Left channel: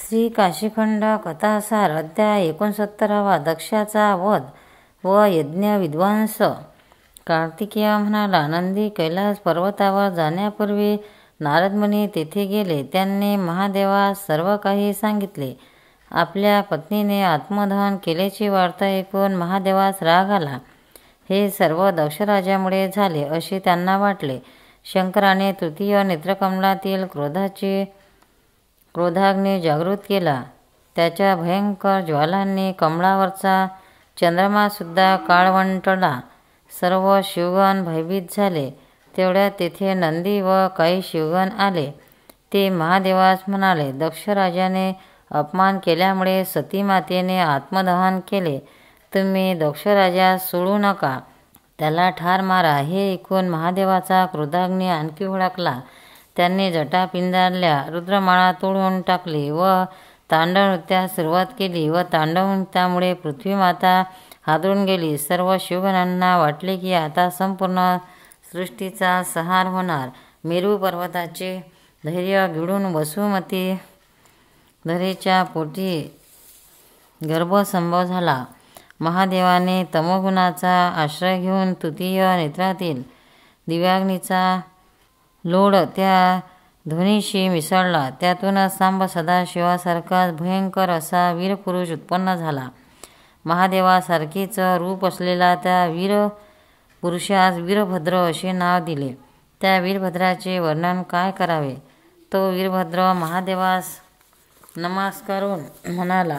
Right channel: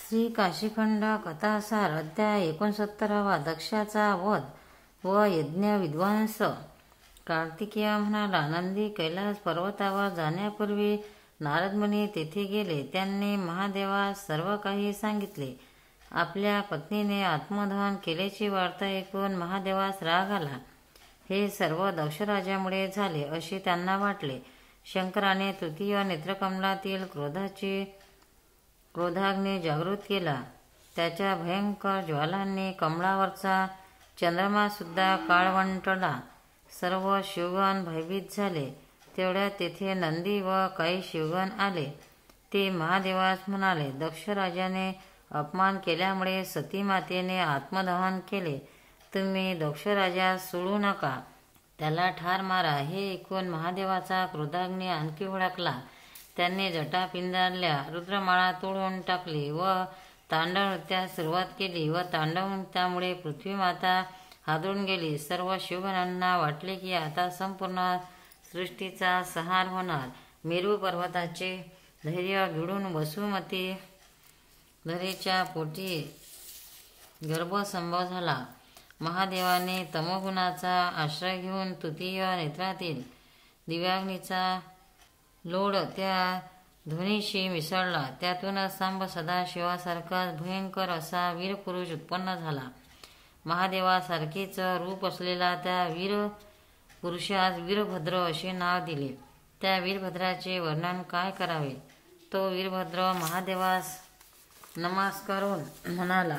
श्री काशीखंड कथासार अध्याय 69. दक्षाचा वध व यज्ञ विध्वंस. कार्तिकेय म्हणाला, नंदी कैलास पर्वतावर जाण्यापूर्वी नारदमुनी तेथे गेले. त्यांनी महादेवास सर्व काही सांगितले. आपल्या पत्नीने आत्मदहन केल्याची वार्ता ऐकून महादेवास राग आला. हे सर्व दक्षराजामुळे झाले असे त्यांना वाटले. शंकराने तृतीय नेत्रकमलातील क्रोधाग्नी जागृत केला. त्याच्या भयंकर ज्वालांनी कमळावरचा चंद्रमासुद्धा काळवंटला. सर्व शिवगण भयभीत झाले. तेवढ्यात तेथे नंदी व काही शिवगण आले. ते महादेवास म्हणाले, दक्षराजाने अपमान केल्यामुळे सतीमातेने आत्मदहन केले. तुम्ही दक्षराजास सोडू नका, त्याला ठार मारा. हे ऐकून महादेवाचा क्रोधाग्नी आणखी भडकला. त्यांनी जटा पिंजारल्या, रुद्रमाळा तोडून टाकली व तांडव नृत्यास सुरुवात केली व तांडव नृत्यामुळे पृथ्वीमाता हादरून गेली. सर्व शिवगणांना वाटले की आता संपूर्ण सृष्टीचा संहार होणार. मेरू पर्वताचे धैर्य गिळून वसुमती धरेच्या पोटी गर्भसंभव झाला. महादेवाने तमोगुणाचा आश्रय घेऊन तृतीय नेत्रातील दिव्याग्नीचा लोड त्या ध्वनीशी मिसळला. त्यातूनच सांब सदाशिवासारखाच भयंकर असा वीरपुरुष उत्पन्न झाला. महादेवासारखेच रूप असलेला त्या वीरपुरुषास वीरभद्र असे नाव दिले. त्या वीरभद्राचे वर्णन काय करावे. तो वीरभद्र महादेवास नमस्कारून म्हणाला,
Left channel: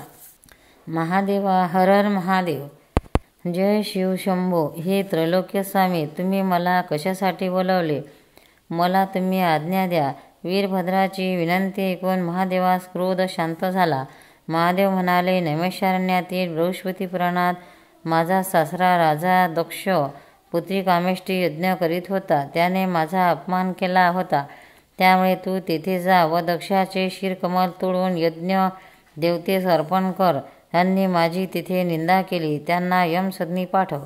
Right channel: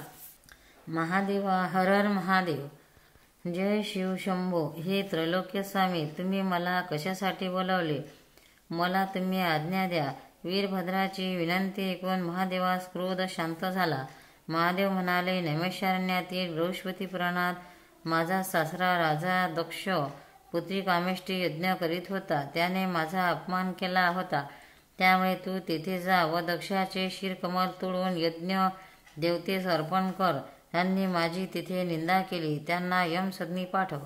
महादेवा, हर हर महादेव, जय शिव शंभो. हे त्रैलोक्य स्वामी, तुम्ही मला कशासाठी बोलावले? मला तुम्ही आज्ञा द्या. वीरभद्राची विनंती ऐकून महादेवास क्रोध शांत झाला. महादेव म्हणाले, नैमिषारण्यातील बृहस्पती पुराणात माझा सासरा राजा दक्ष पुत्री कामेष्टी यज्ञ करीत होता. त्याने माझा अपमान केला होता. त्यामुळे तू तेथे जा व दक्षाचे शिरकमल तोडून यज्ञ देवतेस अर्पण कर. त्यांनी माझी तिथे निंदा केली. त्यांना यमसदनी पाठव.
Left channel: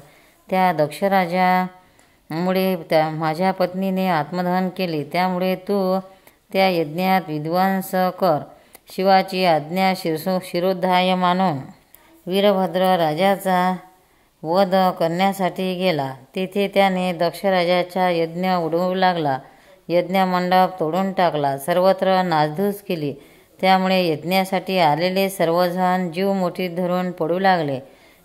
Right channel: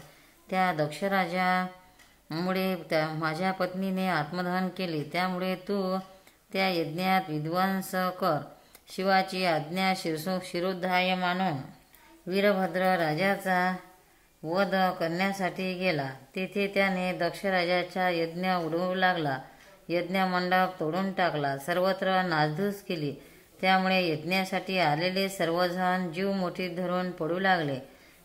त्या दक्षराजामुळे माझ्या पत्नीने आत्मदहन केले. त्यामुळे तू त्या यज्ञात विध्वंस कर. शिवाची आज्ञा शिरोधार्य मानून वीरभद्र राजाचा वध करण्यासाठी गेला. तेथे त्याने दक्षराजाचा यज्ञ उडवू लागला. यज्ञमंडप तोडून टाकला. सर्वत्र नासधूस केली. त्यामुळे यज्ञासाठी आलेले सर्वजण जीव मुठीत धरून पडू लागले.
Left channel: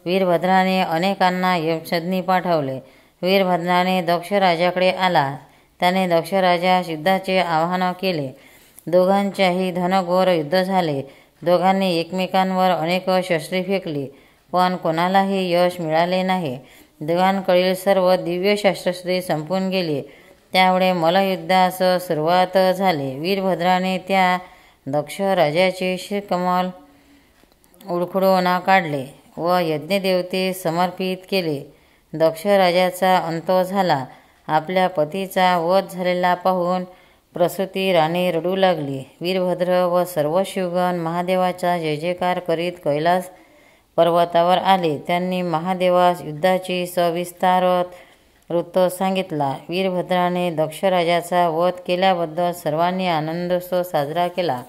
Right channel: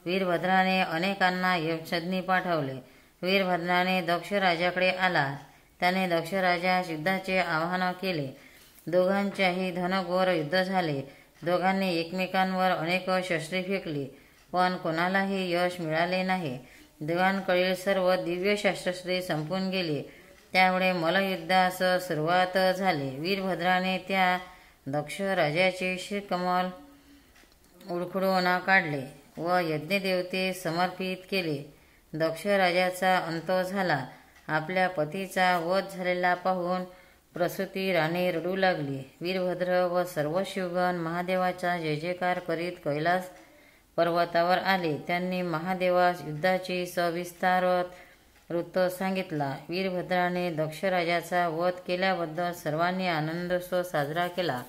वीरभद्राने अनेकांना यमसदनी पाठवले. वीरभद्राने दक्षराजाकडे आला. त्याने दक्षराजास युद्धाचे आवाहन केले. दोघांच्याही घनघोर युद्ध झाले. दोघांनी एकमेकांवर अनेक शस्त्रे फेकली, पण कोणालाही यश मिळाले नाही. दोघांकडील सर्व दिव्य शस्त्रे संपून गेली. त्यामुळे मल्लयुद्धास सुरुवात झाली. वीरभद्राने त्या दक्ष राजाचे शिरकमल उडखडून काढले व यज्ञदेवते समर्पित केले. दक्ष राजाचा अंत झाला. आपल्या पतीचा वध झालेला पाहून प्रसूती राणी रडू लागली. वीरभद्र व सर्व शिवगण महादेवाचा जय जयकार करीत कैलास पर्वतावर आले. त्यांनी महादेवास युद्धाची सविस्तार वृत्त सांगितला. वीरभद्राने दक्षराजाचा वध केल्याबद्दल सर्वांनी आनंदोत्सव साजरा केला.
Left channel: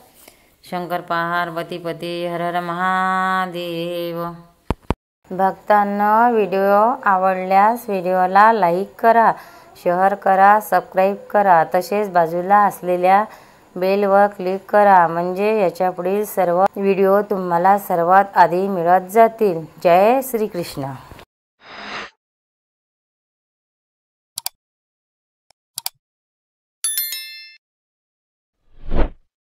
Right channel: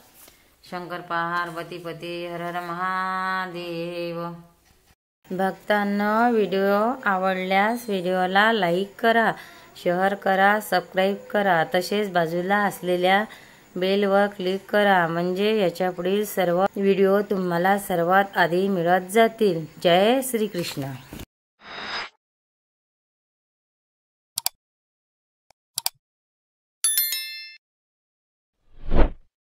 शंकर पार्वतीपती हर हर महादेव. भक्तांनो, व्हिडिओ आवडल्यास व्हिडिओला लाईक करा, शेअर करा, सबस्क्राईब करा. तसेच बाजूला असलेल्या बेलवर क्लिक करा, म्हणजे याच्यापुढील सर्व व्हिडिओ तुम्हाला सर्वात आधी मिळत जातील. जय श्री कृष्ण.